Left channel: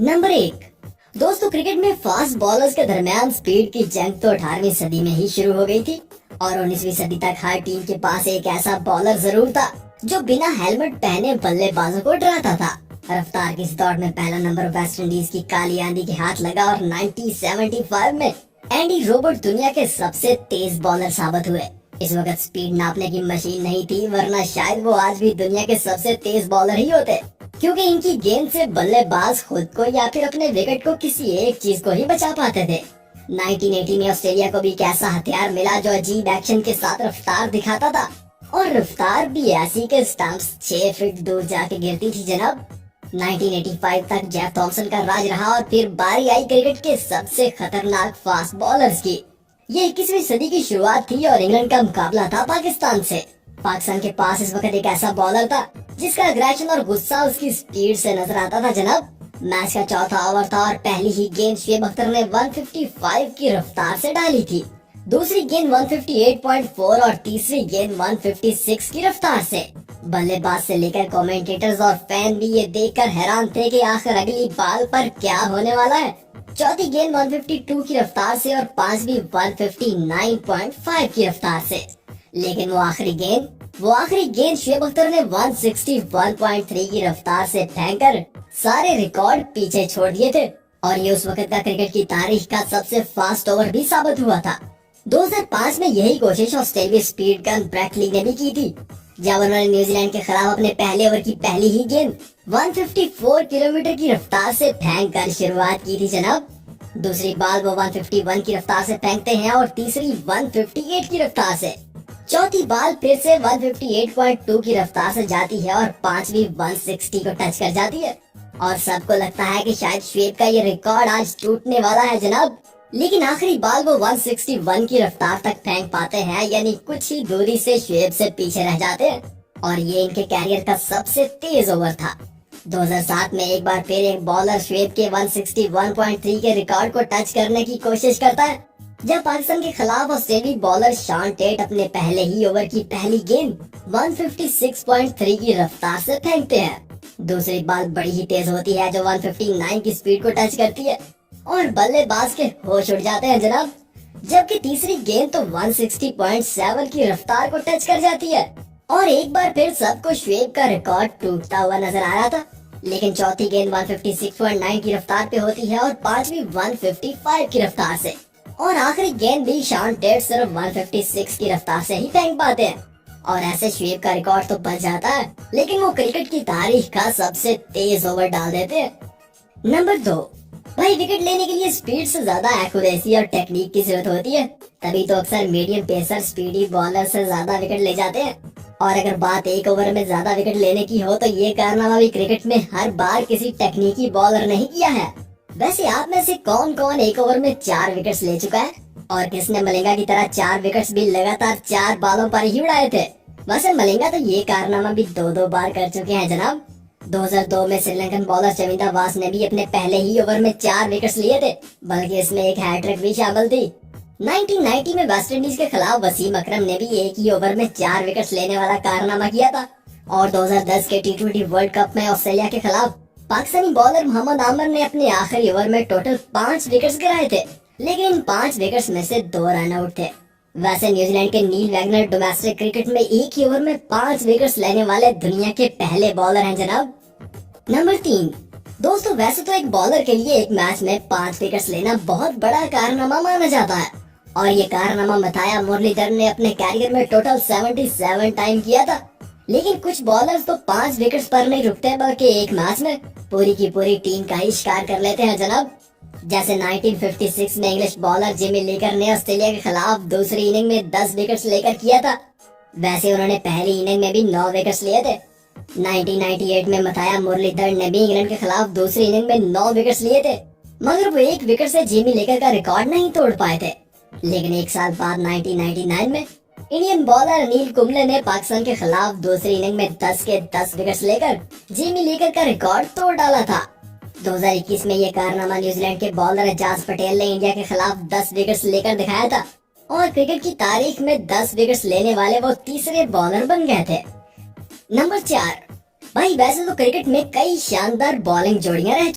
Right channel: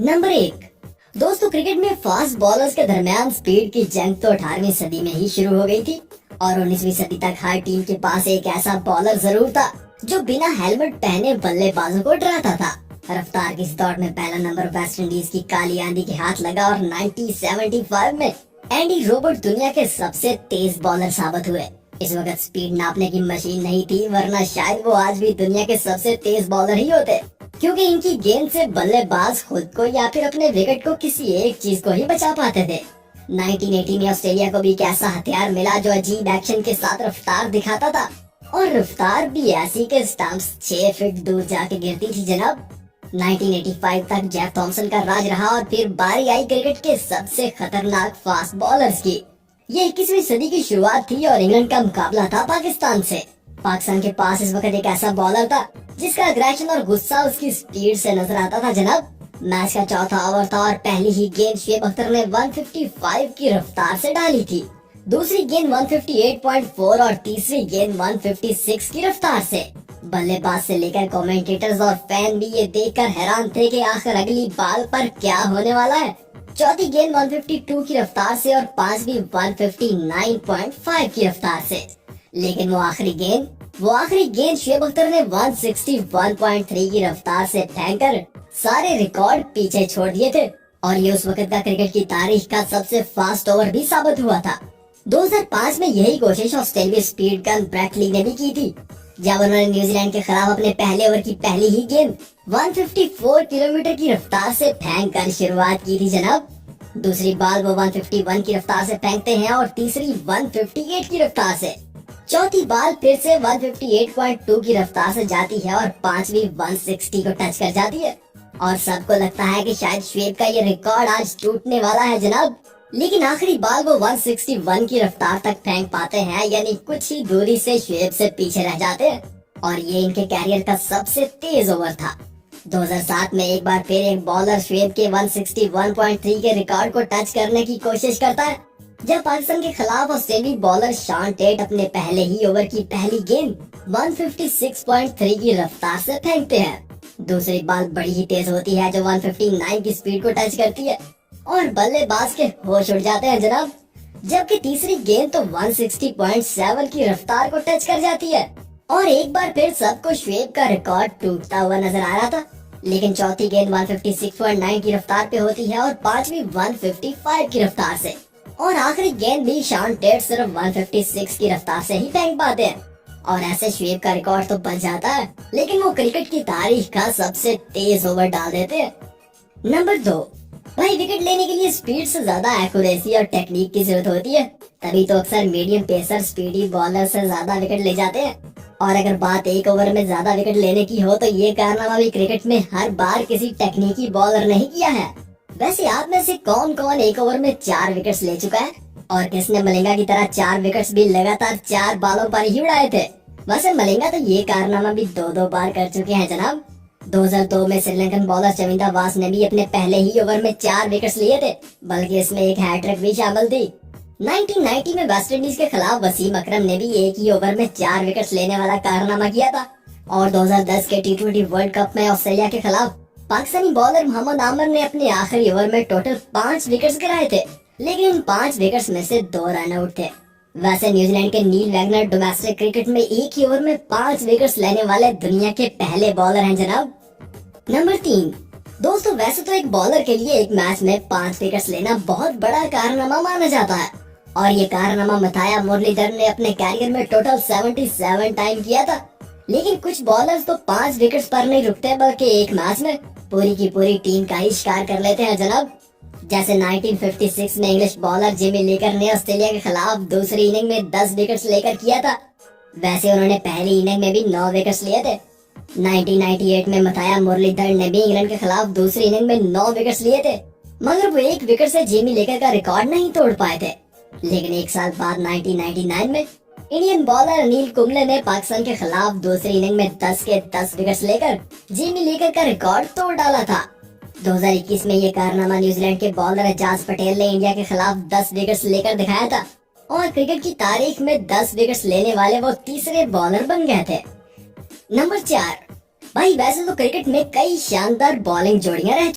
Number 1। दोस्तों, cricket में fast bowlers के दरमियान स्पीड की जंग तो 18वीं सदी में ही शुरू हो गई थी और 19वीं सदी तक हर टीम के पास एक ऐसा बॉलर जरूर था जो बिना हेलमेट पहने बल्लेबाजों को डराता था। रफ्तार की इस दौड़ में पहला नंबर वेस्ट इंडीज की काली आंधी के हाथ लगा और 1975 में एंडी रोबर्ट दुनिया के सबसे तेज बॉलर साबित हुए। इस वक्त स्पीड नापने की मशीन नहीं थी, वरना शायद वो आज भी दुनिया के सबसे तेज बॉलर ही होते, क्योंकि इनकी गेंद से बल्लेबाज खुद को या फिर अपने विकेट को किसी एक चीज को ही बचा पाते थे। 1980 में ऑस्ट्रेलिया को भी एक ऐसा हथियार मिला जो अजीब एक्शन के साथ रफ्तार दिखाता था, और रफ्तार भी ऐसी के स्टंप्स 6 फीट दूर जाके गिरती थी जनाब। 1985 तक जेफ थॉमसन का राज रहा और फिर बारी आई क्रिकेट के सबसे खतरनाक फास्ट बॉलर्स की। ये 21वीं सदी की शुरुआत थी और इंग्लैंड का मुकाबला था पाकिस्तान से। पाकिस्तान के पास इस वक्त एक ऐसा बॉलर था जिसका अग्रेशन और गुस्सा उसकी स्पीड से नजर आता था जनाब। मैच का चौथा ओवर था और पहली ही गेंद शुएब अख्तर ने 155 की रफ्तार से डाली थी। दूसरी गेंद 158.4 और तीसरी गेंद 156 की रफ्तार से। बल्लेबाज से लेकर कमेंटेटर्स और फैन भी ये देखकर हैरान थे कि आखिर अगली बॉल पर क्या होने वाला है। चौथी गेंद 152 की रफ्तार से और पांचवी 159.5 की रफ्तार से। लेकिन वो आखिरी गेंद शुएब अख्तर ने 161.3 की रफ्तार से फेंककर सारे रिकॉर्ड पीछे छोड़ दिए थे और ये उस वक्त का क्रिकेट की तारीख का सबसे फास्ट ओवर भी साबित हुआ था। 2005 में यही कोशिश ऑस्ट्रेलियाई स्पीड गन ब्रेट ली ने भी की थी, जब उन्होंने न्यूजीलैंड के खिलाफ अपने पहले ओवर की पहली ही गेंद 154 किलोमीटर की रफ्तार से फेंक कर शुरुआत की थी जनाब। दूसरी बॉल वो 151 की रफ्तार से फेंकते हैं और तीसरी 158 की रफ्तार से। चौथी बॉल फिर से 158.2 की रफ्तार से जाती है और पांचवी 160 को टच कर जाती है और सबको लगता है कि शायद शुएब का ये रिकॉर्ड आज टूटने वाला है जनाब। लेकिन आखिरी बॉल वो 161 की रफ्तार तक फेंक पाते हैं, यानी कुछ ही दूरी से शुएब से पीछे रह जाते हैं और ये इनके कैरियर का सबसे तेज ओवर था। 2007 में एक बार फिर एक बॉलर शुएब के 161.3 के रिकॉर्ड को टच करने की कोशिश करता है, जब पाकिस्तान के खिलाफ ऑस्ट्रेलियाई बॉलर शॉन टेट अपने पहले ही ओवर की पहली गेंद 156.3 की रफ्तार से फेंकते हैं। दूसरी बॉल बड़ी ही तेज होती है जो 159 की स्पीड को टच करती है और बल्लेबाज के होश उड़ जाते हैं जनाब। जबकि तीसरी गेंद तो 160.7 की रफ्तार को टच कर जाती है और एक बार फिर सबको शुएब का रिकॉर्ड टूटता हुआ नजर आ रहा था। लेकिन चौथी गेंद 156.9 की रफ्तार पे होती है और पांचवी 155 की रफ्तार से, और आखिरी गेंद भी शॉन टेट सिर्फ 156 की रफ्तार से ही फेंक पाते हैं और ऐसे शुएब का रिकॉर्ड तो बच जाता है, लेकिन वो क्रिकेट की तारीख का सबसे तेज ओवर डाल देते हैं। नंबर 2। भाई, विकेट लेने के लिए स्पीड से ज्यादा एक्यूरेसी और टेक्निक की जरूरत होती है, तभी तो अक्सर मीडियम पेसर स्पीडी बॉलर से ज्यादा विकेट ले जाते हैं। और अगर बात एक ओवर में ज्यादा विकेट लेने की हो तो ये कारनामा भी क्रिकेट में हर बार किसी टेक्निकी बॉलर ने ही किया है। वैसे आप में से कौन कौन एक ओवर में 4 विकेट्स ले चुका है और किसने मलिंगा की तरह 4 विकेट्स भी लगातार 4 बॉलों पर ही उड़ाए थे? वैसे मलिंगा तो ये कारनामा भी 2-2 बार कर चुके हैं जनाब। 2002 में श्रीलंकन बॉलर चमिंदा वास ने भी अपने पहले ही ओवर में 4 विकेट्स लिए थे, बल्कि इसमें एक हैट्रिक भी शामिल थी। 1990 में वेस्ट इंडीज के खिलाफ वसीम अकरम ने भी एक ही ओवर में 4 विकेट्स लेने वाला कारनामा किया था और 2010 के T20 वर्ल्ड कप में ऑस्ट्रेलिया के खिलाफ पाकिस्तानी बॉलर मोहम्मद आमिर ने अपने आखिरी ओवर में टोटल 5 विकेट्स गिराए थे, लेकिन इन 5 विकेट्स में से 2 रन आउट थे। वैसे न्यूजीलैंड के नील वैगनर डोमेस्टिक क्रिकेट में एक ही ओवर में 5 विकेट्स लेने वाले दुनिया के पहले बॉलर हैं जनाब। नंबर 3। दोस्तों, वैसे तो एक बॉलर के लिए एक मैच में 5 विकेट्स लेना बहुत बड़ा कारनामा माना जाता है और ये कारनामा मथाया मुरलीधर ने अपने कैरियर में टोटल 77 टाइम किया था। लेकिन कुछ बॉलर्स तो 5 विकेट्स पर नहीं रुकते, बल्कि एक मैच में पूरी की पूरी टीम का ही शिकार कर लेते हैं जनाब। जैसे 1956 में इंग्लिश बॉलर जिमी लीकर ने ऑस्ट्रेलिया के खिलाफ दूसरी इनिंग में 10 विकेट्स लेकर किया था, वैसे उन्होंने पहली इनिंग में भी 9 विकेट्स लिए थे। 1998 में मथाया मुरलीधर ने भी इंग्लैंड के खिलाफ दूसरी इनिंग में 9 विकेट्स लिए थे, मगर वो 1 विकेट से जिमी लीकर का रिकॉर्ड नहीं तोड़ पाए थे। लेकिन एक साल बाद 1999 में इंडियन बॉलर अनिल कुंबले ने पाकिस्तान के खिलाफ दूसरी इनिंग में 10 के 10 विकेट्स लेकर जिमी लीकर का रिकॉर्ड तोड़ डाला था। 2021 में ये कारनामा न्यूजीलैंड के बॉलर एजाज पटेल ने इंडिया के खिलाफ 10 विकेट्स लेकर दिखाया था और क्रिकेट की तारीख में 10 विकेट्स लेने वाले वो तीसरे बॉलर बन गए थे। नंबर 4। भाई, वैसे तो क्रिकेट में कई शानदार बॉलिंग जोड़ियां रह